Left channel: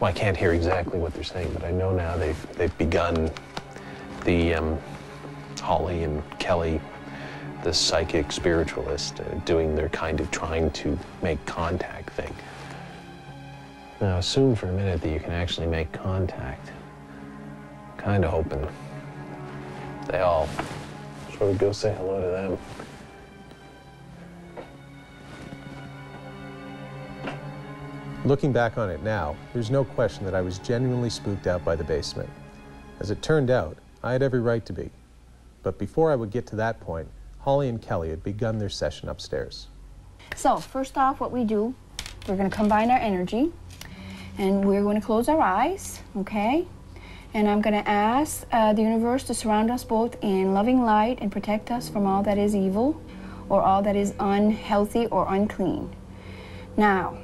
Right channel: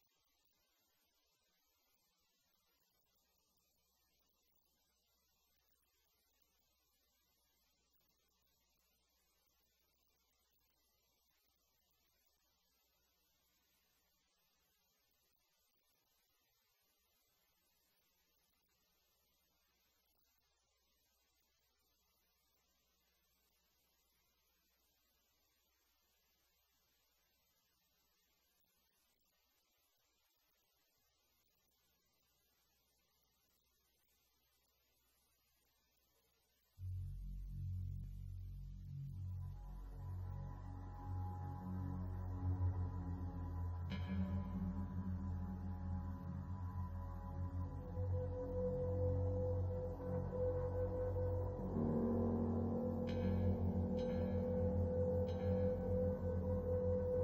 Well, I can't hear exactly what they're saying, but I know now they've begun the Holly and Kelly, the psychic spiritualist, doing their kind of trying to make contact thing. Now, assume for a minute that you can actually make contact. Kind of hoping they all sort of go say hello to them. Looking back on it now, there's no question that I was genuinely spooked out by the basement. As it turned out, I had every right to be. But before I would get to that point, Holly and Kelly had begun their session upstairs. So, first off, what we do, we're going to combine our energy, and we're going to close our eyes, okay? And I'm going to ask the universe to surround us both in loving light and protect us from all that is evil or all that is unhealthy or unclean. Now,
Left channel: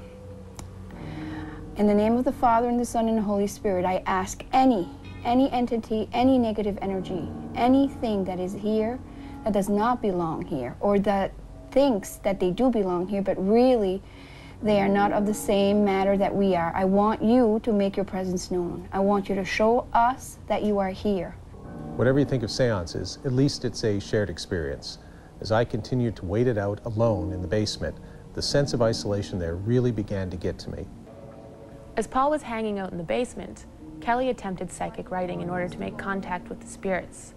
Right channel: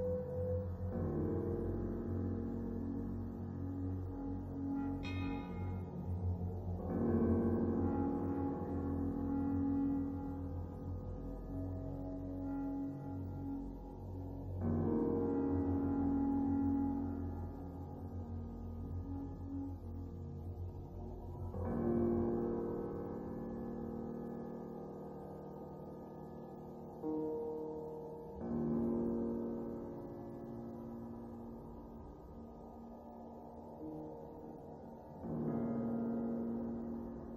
in the name of the Father, and the Son, and the Holy Spirit, I ask any entity, any negative energy, anything that is here that does not belong here, or that thinks that they do belong here, but really they are not of the same matter that we are. I want you to make your presence known. I want you to show us that you are here. Whatever you think of seances, at least it's a shared experience. As I continued to wait it out alone in the basement, the sense of isolation there really began to get to me. As Paul was hanging out in the basement, Kelly attempted psychic writing in order to make contact with the spirits.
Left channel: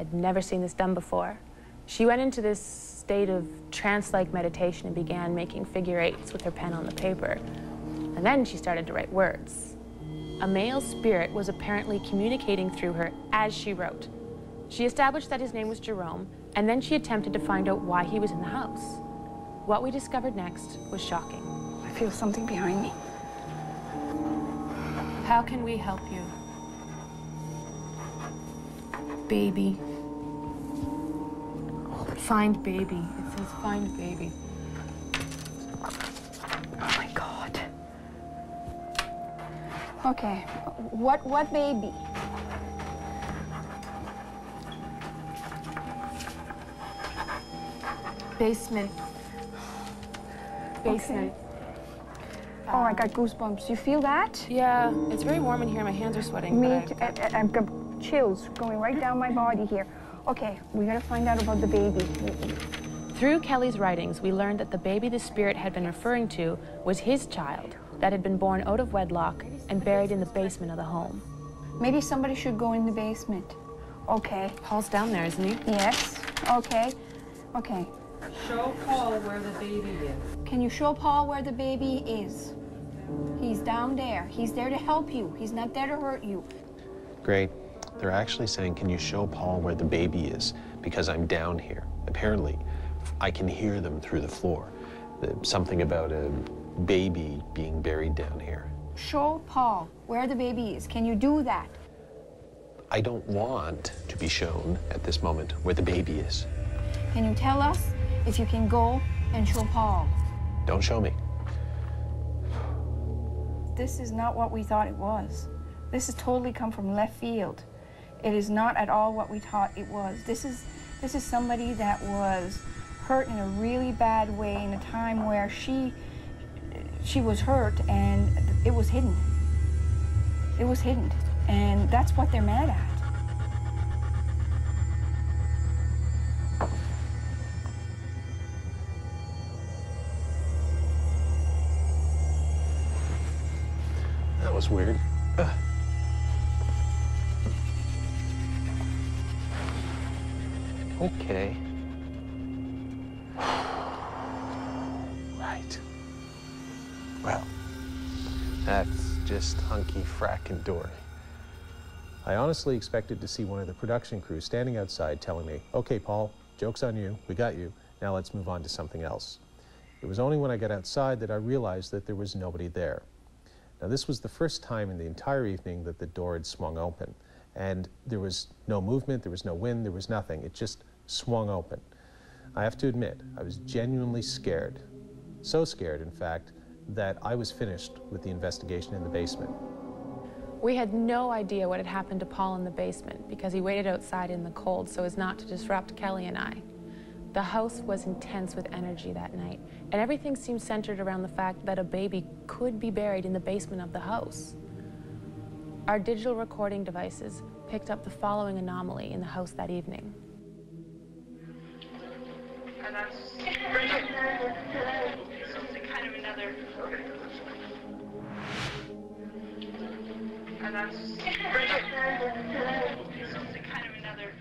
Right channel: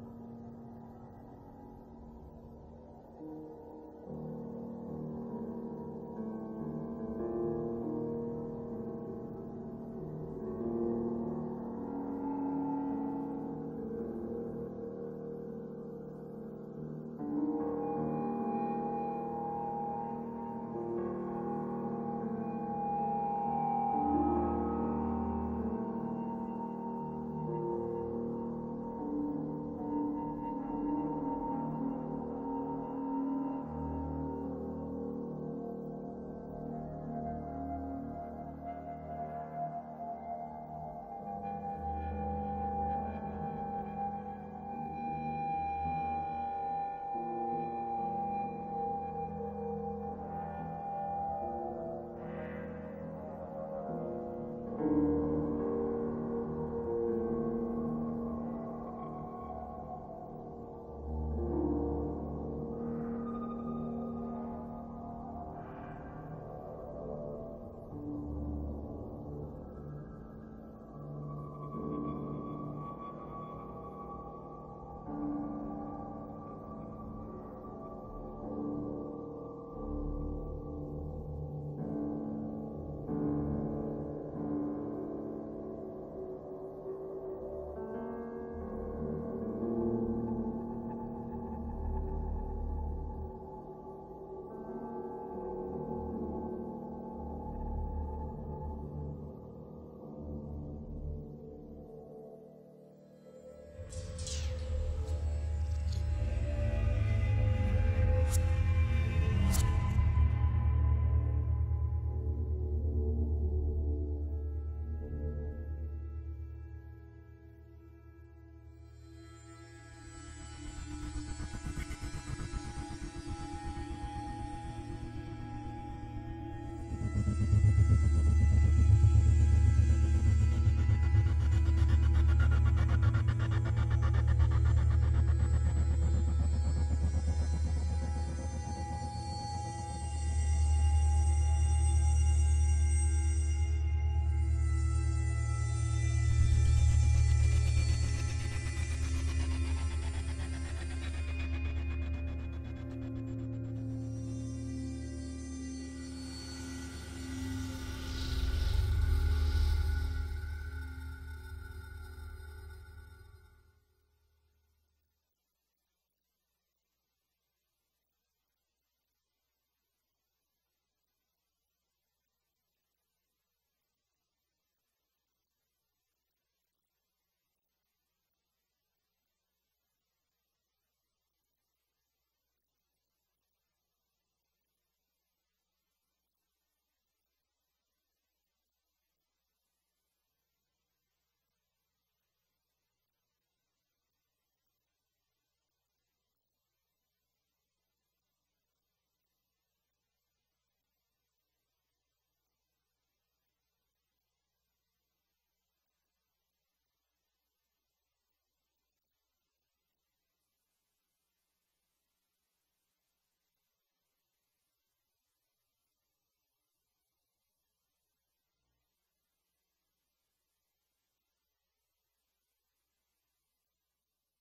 I'd never seen this done before. She went into this state of trance-like meditation and began making figure eights with her pen on the paper. And then she started to write words. A male spirit was apparently communicating through her as she wrote. She established that his name was Jerome, and then she attempted to find out why he was in the house. What we discovered next was shocking. I feel something behind me. How can we help you? Baby. Find baby. It says find baby. Oh my God. Okay, what baby? Basement. Basement. Okay. Oh, I got goosebumps. You feel that? Yeah, it's very warm in here. My hands are sweating. Me too. I've got chills going right down my body here. Okay, we gotta find out about the baby. Through Kelly's writings, we learned that the baby the spirit had been referring to was his child that had been born out of wedlock and buried in the basement of the home. Maybe somebody should go in the basement. Okay. Paul's down there, isn't he? Yes. Okay. Okay. Show Paul where the baby is. Can you show Paul where the baby is? He's down there. He's there to help you. He's not there to hurt you. Great. They're actually saying, can you show Paul where the baby is? Because I'm down here. Apparently, I can hear them through the floor. Something about a baby being buried down here. Show Paul where the baby is. Can you do that? I don't want to be shown at this moment where the baby is. Can you tell us if you can go and show Paul? Don't show me. This is not what we thought it was. This has totally come from left field. It is not at all what we thought it was. This is somebody that was hurt in a really bad way in a time where she was hurt and it was hidden. It was hidden. And that's what they're mad at. That was weird. Okay. Right. Well, that's just hunky frackin' dory. I honestly expected to see one of the production crew standing outside telling me, okay, Paul, joke's on you, we got you, now let's move on to something else. It was only when I got outside that I realized that there was nobody there. Now, this was the first time in the entire evening that the door had swung open, and there was no movement, there was no wind, there was nothing. It just swung open. I have to admit, I was genuinely scared. So scared, in fact, that I was finished with the investigation in the basement. We had no idea what had happened to Paul in the basement because he waited outside in the cold so as not to disrupt Kelly and I. The house was intense with energy that night, and everything seemed centered around the fact that a baby could be buried in the basement of the house. Our digital recording devices picked up the following anomaly in the house that evening. And that's kind of another. And that's kind of another.